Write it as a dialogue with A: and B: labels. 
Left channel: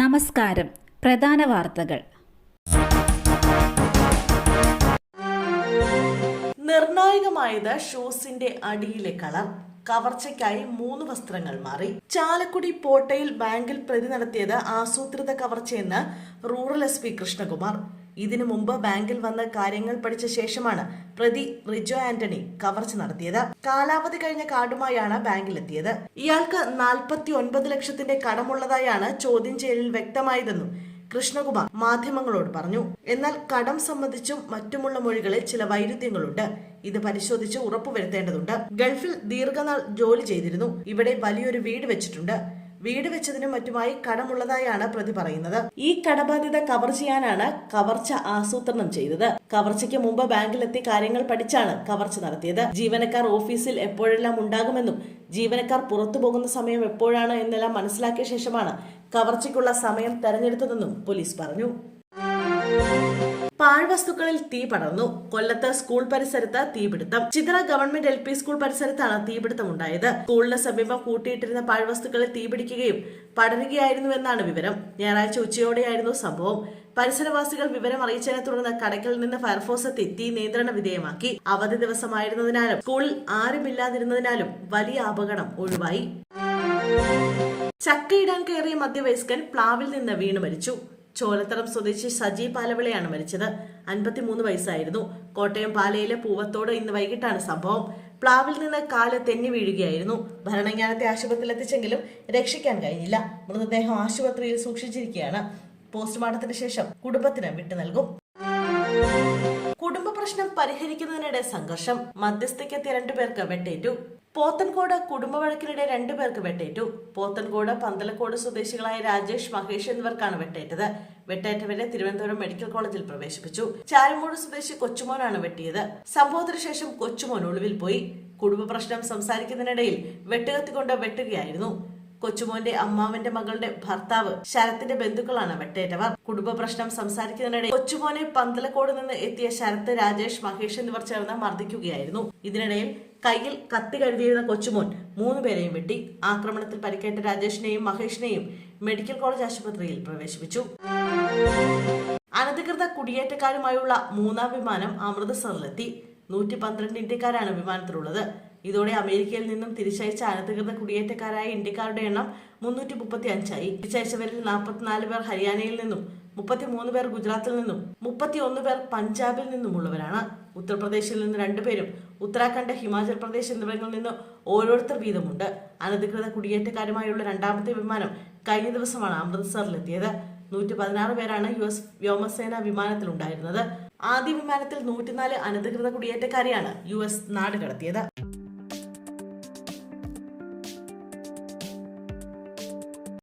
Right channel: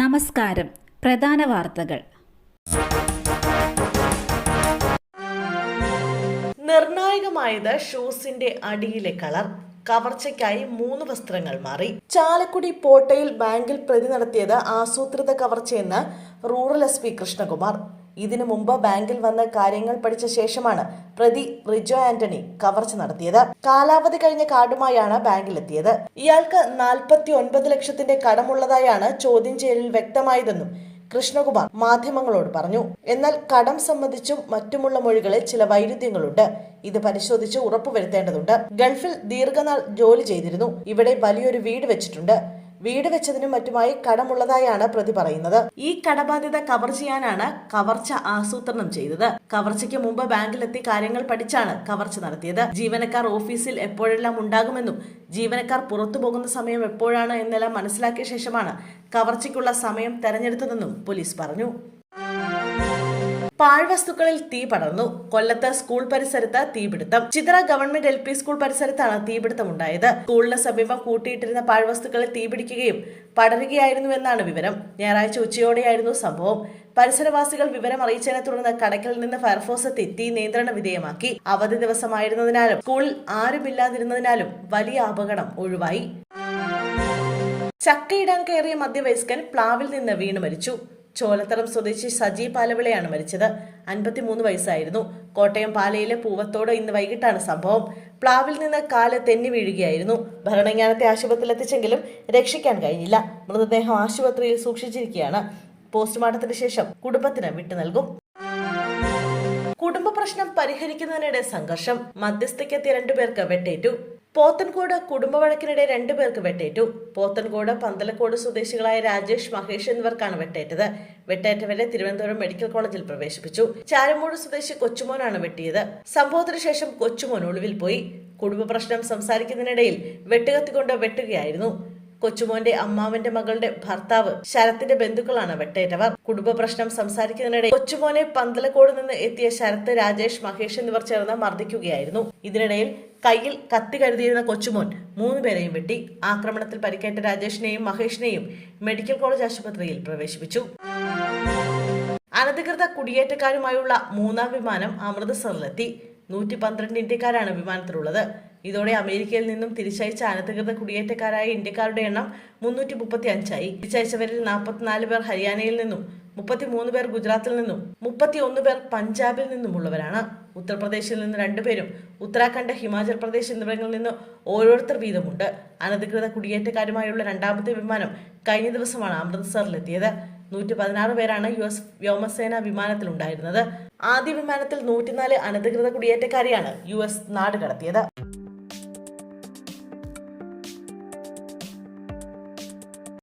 A: നമസ്കാരം. പ്രധാന വാർത്തകൾ.
B: നിർണായകമായത് ഷൂസിന്റെ അടിയിലെ കളർ. കവർച്ചയ്ക്കായി മൂന്ന് വസ്ത്രങ്ങൾ മാറി. ചാലക്കുടി പോട്ടയിൽ ബാങ്കിൽ പ്രതി നടത്തിയത് ആസൂത്രിത കവർച്ചയെന്ന് റൂറൽ എസ് പി കൃഷ്ണകുമാർ. ഇതിനു മുമ്പ് ബാങ്കിൽ വന്ന് കാര്യങ്ങൾ പഠിച്ച ശേഷമാണ് പ്രതി റിജോ ആന്റണി കവർച്ച നടത്തിയത്. കാലാവധി കഴിഞ്ഞ കാർഡുമായാണ് ബാങ്കിലെത്തിയത്. ഇയാൾക്ക് നാൽപ്പത്തി ഒൻപത് ലക്ഷത്തിന്റെ കടമുള്ളതായാണ് ചോദ്യം ചെയ്യലിൽ വ്യക്തമായതെന്നും കൃഷ്ണകുമാർ മാധ്യമങ്ങളോട് പറഞ്ഞു. എന്നാൽ കടം സംബന്ധിച്ചും മറ്റുമുള്ള മൊഴികളിൽ ചില വൈരുദ്ധ്യങ്ങളുണ്ട്. ഇത് പരിശോധിച്ച് ഉറപ്പുവരുത്തേണ്ടതുണ്ട്. ഗൾഫിൽ ദീർഘനാൾ ജോലി ചെയ്തിരുന്നു. ഇവിടെ വലിയൊരു വീട് വെച്ചിട്ടുണ്ട്. വീട് വെച്ചതിനും മറ്റുമായി കടമുള്ളതായാണ് പ്രതി പറയുന്നത്. ഈ കടബാധ്യത കവർ ചെയ്യാനാണ് കവർച്ച ആസൂത്രണം ചെയ്തത്. കവർച്ചയ്ക്ക് മുമ്പ് ബാങ്കിലെത്തി കാര്യങ്ങൾ പഠിച്ചാണ് കവർച്ച നടത്തിയത്. ജീവനക്കാർ ഓഫീസിൽ എപ്പോഴെല്ലാം ഉണ്ടാകുമെന്നും ജീവനക്കാർ പുറത്തു പോകുന്ന സമയം എപ്പോഴാണ് എന്നെല്ലാം മനസ്സിലാക്കിയ ശേഷമാണ് കവർച്ചയ്ക്കുള്ള സമയം തെരഞ്ഞെടുത്തതെന്നും പോലീസ് പറഞ്ഞു. പാഴ്വസ്തുക്കളിൽ തീ പടർന്നു. കൊല്ലത്ത് സ്കൂൾ പരിസരത്ത് തീപിടുത്തം. Chithra government L P school പരിസരത്താണ് തീപിടുത്തം ഉണ്ടായത്. സ്കൂളിന് സമീപം കൂട്ടിയിട്ടിരുന്ന പാഴ്വസ്തുക്കളിൽ തീപിടിക്കുകയും പടരുകയായിരുന്നുവെന്നാണ് വിവരം. ഞായറാഴ്ച ഉച്ചയോടെയായിരുന്നു സംഭവം. പരിസരവാസികൾ വിവരം അറിയിച്ചതിനെ തുടർന്ന് കടക്കിൽ നിന്ന് ഫയർഫോഴ്സ് എത്തി തീ നിയന്ത്രണ വിധേയമാക്കി. അവധി ദിവസമായിരുന്നതിനാലും സ്കൂളിൽ ആരുമില്ലാതിരുന്നതിനാലും വലിയ അപകടം ഒഴിവായി. ചക്കയിടാൻ കയറിയ മധ്യവയസ്കൻ പ്ലാവിൽ നിന്ന് വീണു മരിച്ചു. ചോലത്തറം സ്വദേശി സജി പാലവിളയാണ് മരിച്ചത്. അൻപത്തിമൂന്ന് വയസ്സായിരുന്നു. കോട്ടയം പാലയിലെ പൂവത്തോട് ഇന്ന് വൈകിട്ടാണ് സംഭവം. പ്ലാവിൽ നിന്ന് കാൽ തെന്നി വീഴുകയായിരുന്നു. ഭരണങ്ങാനത്തെ ആശുപത്രിയിൽ എത്തിച്ചെങ്കിലും രക്ഷിക്കാൻ കഴിഞ്ഞില്ല. മൃതദേഹം ആശുപത്രിയിൽ സൂക്ഷിച്ചിരിക്കുകയാണ്. പോസ്റ്റ്മോർട്ടത്തിന് ശേഷം കുടുംബത്തിന് വിട്ടു നൽകും. കുടുംബ പ്രശ്നം പരിഹരിക്കുന്നതിനിടെ സംഘർഷം. മധ്യസ്ഥയ്ക്കെത്തിയ രണ്ടുപേർക്ക് വെട്ടേറ്റു. പോത്തൻകോട് കുടുംബവഴക്കിനിടെ രണ്ടുപേർക്ക് വെട്ടേറ്റു. പോത്തൻകോട് പന്തലക്കോട് സ്വദേശികളായ രാജേഷ് മഹേഷ് എന്നിവർക്കാണ് വെട്ടേറ്റത്. വെട്ടേറ്റവരെ തിരുവനന്തപുരം മെഡിക്കൽ കോളേജിൽ പ്രവേശിപ്പിച്ചു. ചാരമൂട് സ്വദേശി കൊച്ചുമോനാണ് വെട്ടിയത്. സംഭവത്തിന് ശേഷം കൊച്ചുമോൻ ഒളിവിൽ പോയി. കുടുംബ പ്രശ്നം സംസാരിക്കുന്നതിനിടയിൽ വെട്ടുകത്തിക്കൊണ്ട് വെട്ടുകയായിരുന്നു. കൊച്ചുമോന്റെ അമ്മാവന്റെ മകളുടെ ഭർത്താവ് ശരത്തിന്റെ ബന്ധുക്കളാണ് വെട്ടേറ്റവർ. കുടുംബ പ്രശ്നം സംസാരിക്കുന്നതിനിടെ കൊച്ചുമോനെ പന്തലക്കോട് നിന്ന് എത്തിയ ശരത്ത് രാജേഷ് മഹേഷ് എന്നിവർ ചേർന്ന് മർദ്ദിക്കുകയായിരുന്നു. ഇതിനിടയിൽ കയ്യിൽ കത്തി കരുതിയിരുന്ന കൊച്ചുമോൻ മൂന്നുപേരെയും വെട്ടി ആക്രമണത്തിൽ പരിക്കേറ്റ രാജേഷിനെയും മഹേഷിനെയും മെഡിക്കൽ കോളേജ് ആശുപത്രിയിൽ പ്രവേശിപ്പിച്ചു. അനധികൃത കുടിയേറ്റക്കാരുമായുള്ള മൂന്നാം വിമാനം അമൃതസറിലെത്തി. നൂറ്റി പന്ത്രണ്ട് ഇന്ത്യക്കാരാണ് വിമാനത്തിലുള്ളത്. ഇതോടെ അമേരിക്കയിൽ നിന്നും തിരിച്ചയച്ച അനധികൃത കുടിയേറ്റക്കാരായ ഇന്ത്യക്കാരുടെ എണ്ണം മുന്നൂറ്റി മുപ്പത്തി അഞ്ചായി തിരിച്ചയച്ചവരിൽ നാൽപ്പത്തിനാല് പേർ ഹരിയാനയിൽ നിന്നും മുപ്പത്തിമൂന്ന് പേർ ഗുജറാത്തിൽ നിന്നും മുപ്പത്തി ഒന്ന് പേർ പഞ്ചാബിൽ നിന്നുമുള്ളവരാണ്. ഉത്തർപ്രദേശിൽ നിന്ന് രണ്ടുപേരും ഉത്തരാഖണ്ഡ് ഹിമാചൽ പ്രദേശ് എന്നിവിടങ്ങളിൽ നിന്ന് ഓരോരുത്തർ വീതമുണ്ട്. അനധികൃത കുടിയേറ്റക്കാരുമായുള്ള രണ്ടാമത്തെ വിമാനം കഴിഞ്ഞ ദിവസമാണ് അമൃത്സറിലെത്തിയത്. നൂറ്റി പതിനാറ് പേരാണ് യു എസ് വ്യോമസേന വിമാനത്തിലുണ്ടായിരുന്നത്. ആദ്യ വിമാനത്തിൽ നൂറ്റിനാല് അനധികൃത കുടിയേറ്റക്കാരെയാണ് യു എസ് നാട് കടത്തിയത്.